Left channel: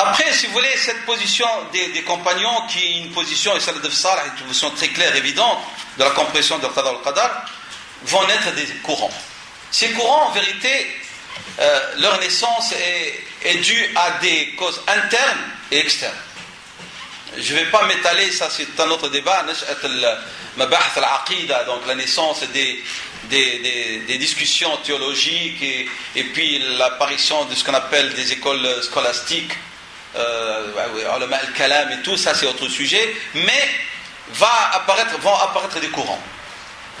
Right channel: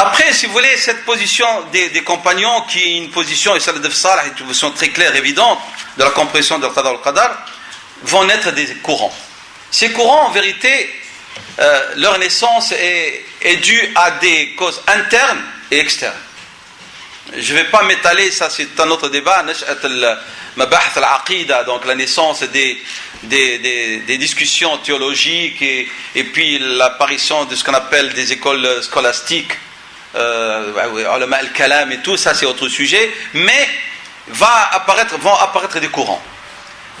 Après, si vous voulez, cette position des compagnons, qui est une position, et salaf salih, une position très claire, évidente, de la compréhension de Qadar al-Qadar, vont naître des courants. Ces courants, en vérité, leur naissance est due à des causes internes et externes. Je ne vais pas m'étaler, ça c'est un autre débat, Mabahath al-Aqida, donc la naissance des discussions théologiques et puis l'apparition de ce qu'on appelle des écoles scolastiques, ulama al-kalam et tout, ça c'est autre sujet, mais vont apparaître des courants.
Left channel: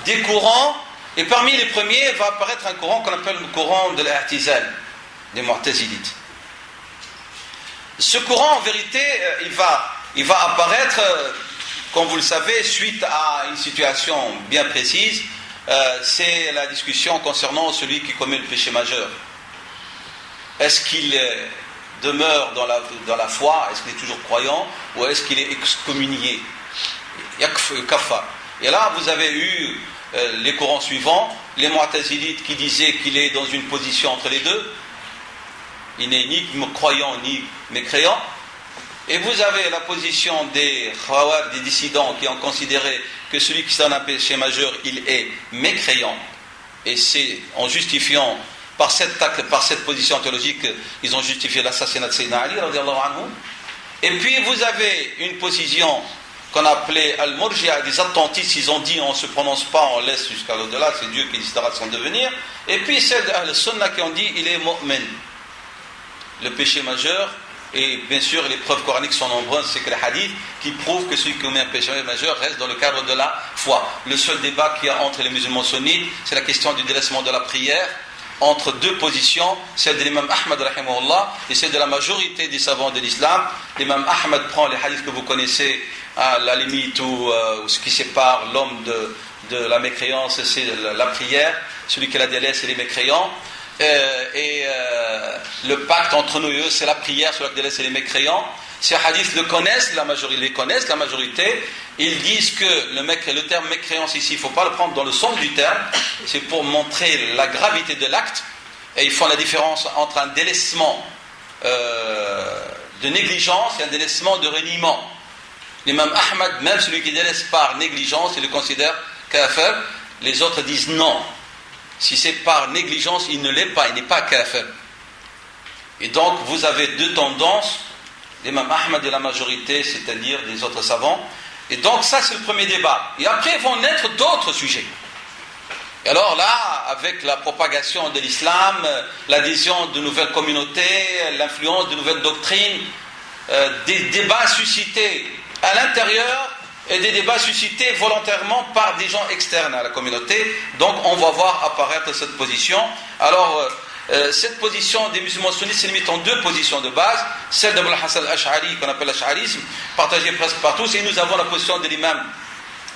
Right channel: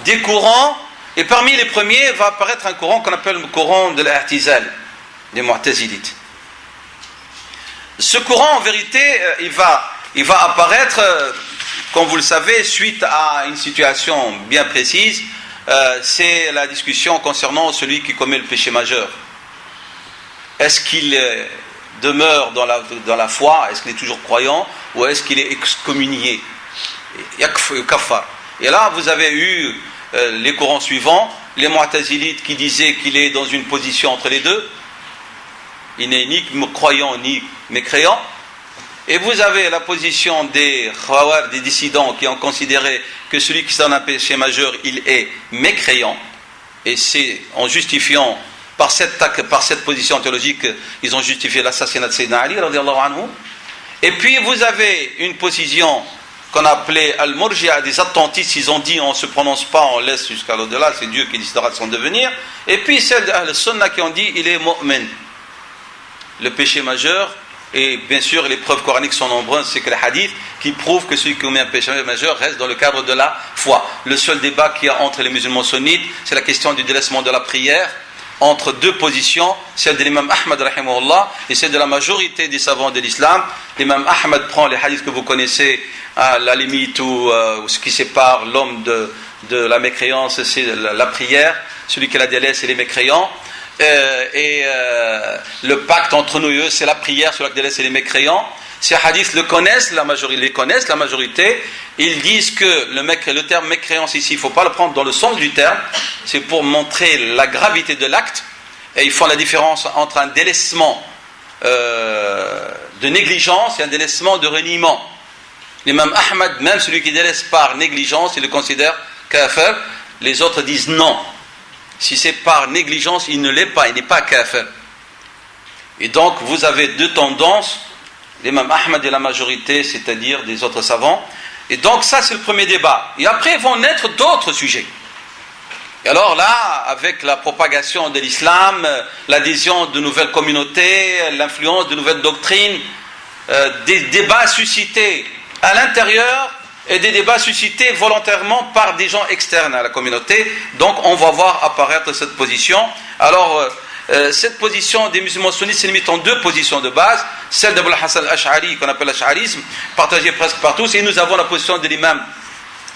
Des courants, et parmi les premiers va apparaître un courant qu'on appelle le courant de l'A'tizal, des Mu'tazilites. Ce courant, en vérité, il va apparaître, comme vous le savez, suite à une situation bien précise. C'est la discussion concernant celui qui commet le péché majeur. Est-ce qu'il demeure dans la foi, est-ce qu'il est toujours croyant, ou est-ce qu'il est excommunié? Kafar. Et là, vous avez eu les courants suivants, les Mu'tazilites qui disaient qu'il est dans une position entre les deux, il n'est ni croyant ni mécréant. Et vous avez la position des khawar, des dissidents, qui ont considéré que celui qui donne un péché majeur, il est mécréant. Et c'est en justifiant, par cette position théologique, ils ont justifié l'assassinat de Sayyidina Ali, radiyallahu anhu. Et puis vous avez une position qu'on appelait Al-Murji'a, des attentistes, ils ont dit on ne se prononce pas, on laisse jusqu'à l'au-delà, c'est Dieu qui décidera de son devenir. Et puis celles de Al-Sunnah qui ont dit il est mu'min. Le péché majeur, et bien sûr les preuves coraniques sont nombreuses, c'est que les hadiths qui prouvent que celui qui commet un péché majeur reste dans le cadre de la foi. Le seul débat qu'il y a entre les musulmans sunnites, c'est la question du délaissement de la prière, entre deux positions, celle de l'imam Ahmad rahimahullah et celle de la majorité des savants de l'islam. L'imam Ahmad prend les hadiths que vous connaissez, à la limite où ce qui sépare l'homme de la mécréance, c'est la prière, celui qui la délaisse, c'est les mécréants. Le pacte entre nous et eux, c'est la prière, celui qui délaisse, c'est les mécréants. Ces hadiths les connaissent, la majorité. Ils disent que le terme mécréance ici, il ne faut pas le prendre dans le sens du terme, c'est pour montrer la gravité de l'acte, et ils font la différence entre un délaissement de négligence et un délaissement de reniement. L'imam Ahmad, même celui qui délaisse par négligence, il le considère kafir. Les autres disent non. Si c'est par négligence, il ne l'est pas, il n'est pas kafir. Et donc, vous avez deux tendances, l'imam Ahmad et la majorité, c'est-à-dire des autres savants. Et donc, ça, c'est le premier débat. Et après, vont naître d'autres sujets. Et alors là, avec la propagation de l'islam, l'adhésion de nouvelles communautés, l'influence de nouvelles doctrines, des débats suscités à l'intérieur et des débats suscités volontairement par des gens externes à la communauté. Donc on va voir apparaître cette position. Alors cette position des musulmans sunnites se limite en deux positions de base, celle d'Abul Hasan al-Ash'ari, qu'on appelle l'ash'arisme, partagée presque par tous, et nous avons la position de l'imam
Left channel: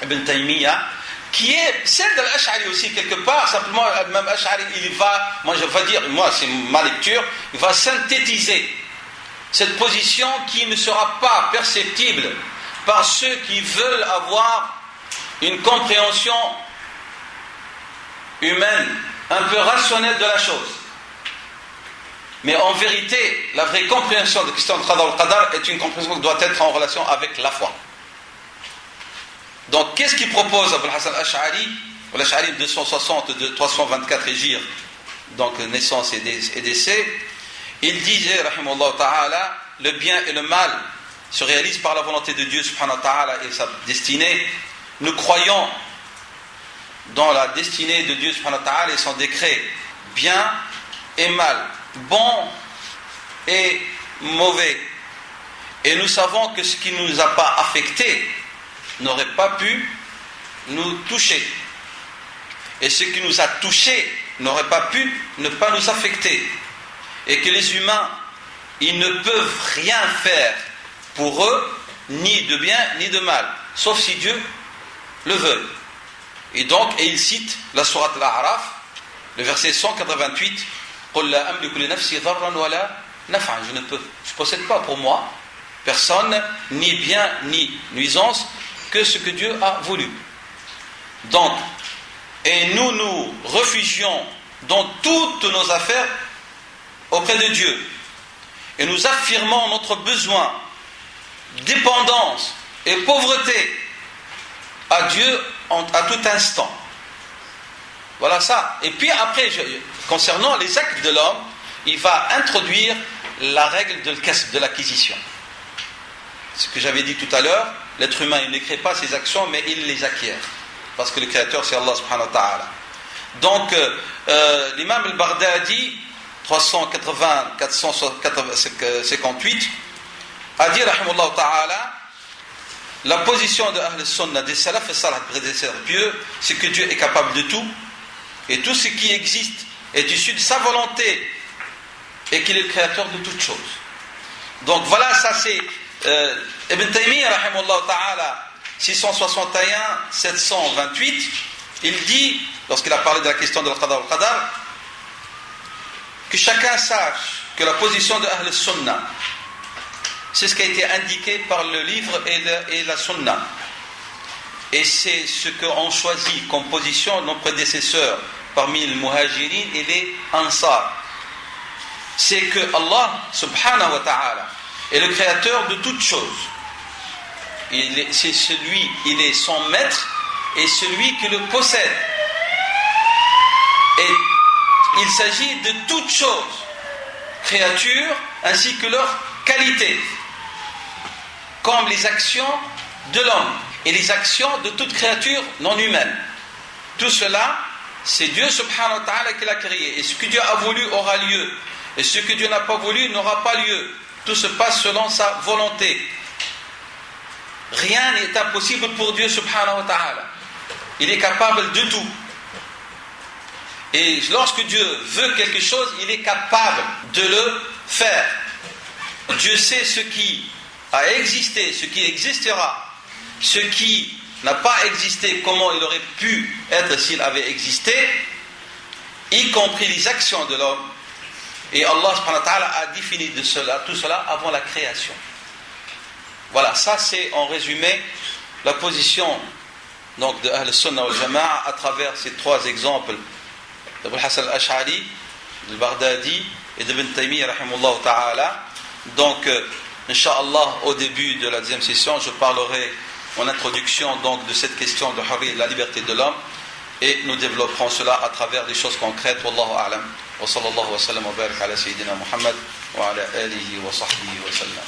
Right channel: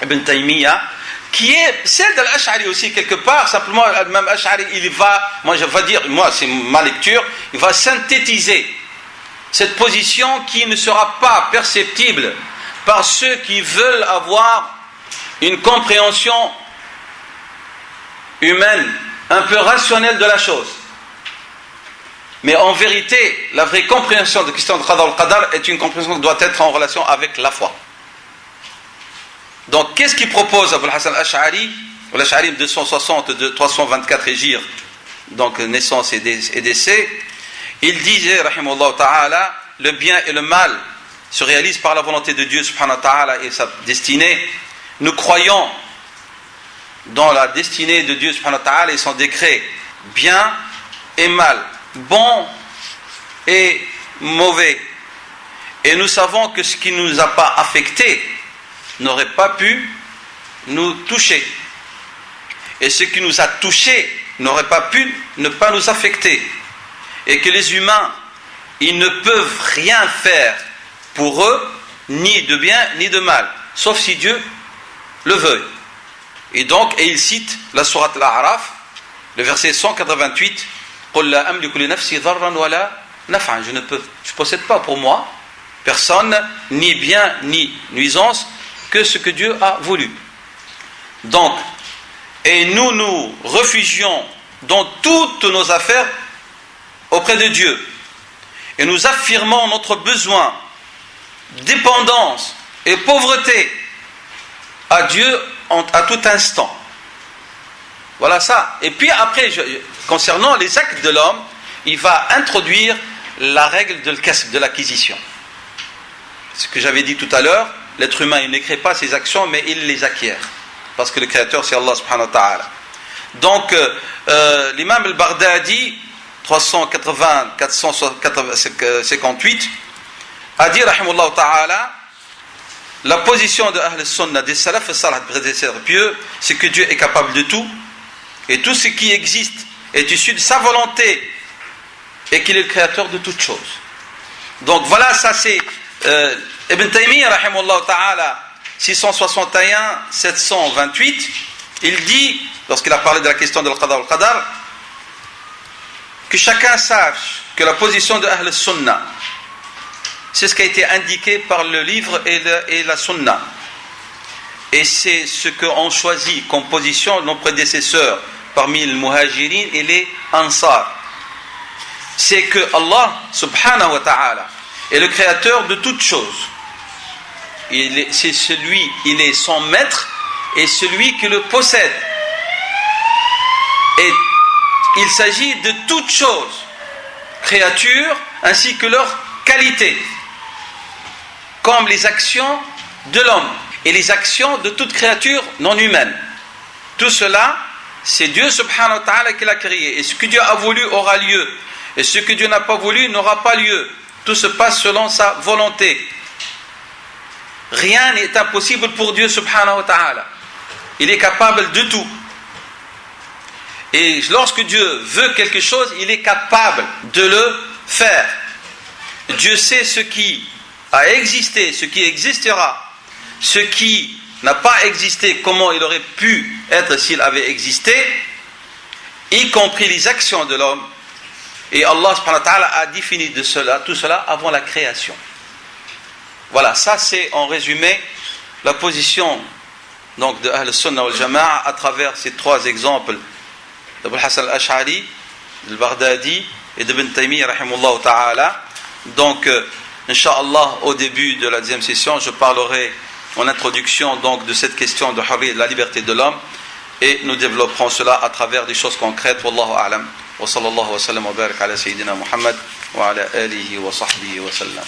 Ibn Taymiyyah, qui est celle de l'Ash'ari aussi quelque part. Simplement l'imam Ash'ari, c'est ma lecture, il va synthétiser cette position qui ne sera pas perceptible par ceux qui veulent avoir une compréhension humaine, un peu rationnelle de la chose. Mais en vérité, la vraie compréhension de la question de Qadar al-Qadar est une compréhension qui doit être en relation avec la foi. Donc, qu'est-ce qu'il propose Abul Hasan al-Ash'ari? L'Ash'ari 260-324 Hégire, donc naissance et décès. Il disait, rahimahullah ta'ala, le bien et le mal se réalisent par la volonté de Dieu subhanahu wa ta'ala et sa destinée. Nous croyons dans la destinée de Dieu subhanahu wa ta'ala et son décret, bien et mal, bon et mauvais. Et nous savons que ce qui ne nous a pas affectés n'aurait pas pu nous toucher. Et ce qui nous a touchés n'aurait pas pu ne pas nous affecter. Et que les humains, ils ne peuvent rien faire pour eux, ni de bien ni de mal, sauf si Dieu le veut. Et donc, il cite la sourate Al-A'raf, le verset 188, قُلْ لَا أَمْلِكُ لِنَفْسِي ضَرًّا وَلَا نَفْعًا. Je ne possède pas pour moi, personne, ni bien ni nuisance, que ce que Dieu a voulu. Donc, et nous réfugions dans toutes nos affaires auprès de Dieu. et nous affirmons notre besoin, dépendance et pauvreté à Dieu à tout instant. Voilà ça. Et puis après, concernant les actes de l'homme, il va introduire la règle de l'acquisition. Ce que j'avais dit tout à l'heure, l'être humain, il ne crée pas ses actions, mais il les acquiert. Parce que le créateur, c'est Allah subhanahu wa ta'ala. Donc, l'imam al-Baghdadi, 380-458, a dit, rahimahullah ta'ala, la position de Ahl al-Sunnah, des salaf et salaf, prédécesseurs pieux, c'est que Dieu est capable de tout, et tout ce qui existe est issu de sa volonté, et qu'il est le créateur de toutes choses. Donc voilà, ça c'est Ibn Taymiyyah, rahimahullah ta'ala, 661-728, il dit, lorsqu'il a parlé de la question de l'Qadar al-Qadar, que chacun sache que la position de Ahl al-Sunnah, c'est ce qui a été indiqué par le livre et la Sunna. Et c'est ce qu'ont choisi comme position nos prédécesseurs parmi les Muhajirin et les Ansar. C'est que Allah subhanahu wa ta'ala est le créateur de toutes choses. Il est son maître et celui qui le possède. Et il s'agit de toutes choses, créatures ainsi que leur qualité, comme les actions de l'homme et les actions de toute créature non humaine. Tout cela, c'est Dieu subhanahu wa ta'ala qui l'a créé. Et ce que Dieu a voulu aura lieu. Et ce que Dieu n'a pas voulu n'aura pas lieu. Tout se passe selon sa volonté. Rien n'est impossible pour Dieu subhanahu wa ta'ala. Il est capable de tout. Et lorsque Dieu veut quelque chose, il est capable de le faire. Dieu sait ce qui a existé, ce qui existera, ce qui n'a pas existé, comment il aurait pu être s'il avait existé, y compris les actions de l'homme. Et Allah subhanahu wa ta'ala a défini de cela, tout cela avant la création. Voilà, ça c'est en résumé la position donc de Ahl Sunnah wal Jama'a à travers ces trois exemples d'Abul Hasan al-Ash'ari, de Baghdadi et d'Ibn Taymiyyah rahimahullah ta'ala. Donc, Inch'Allah, au début de la deuxième session, je parlerai en introduction donc de cette question de la liberté de l'homme, et nous développerons cela à travers des choses concrètes. Wallahu a'lam. Wa sallallahu wa sallam wa barak ala sayyidina Muhammad wa ala alihi wa sahbihi wa sallam.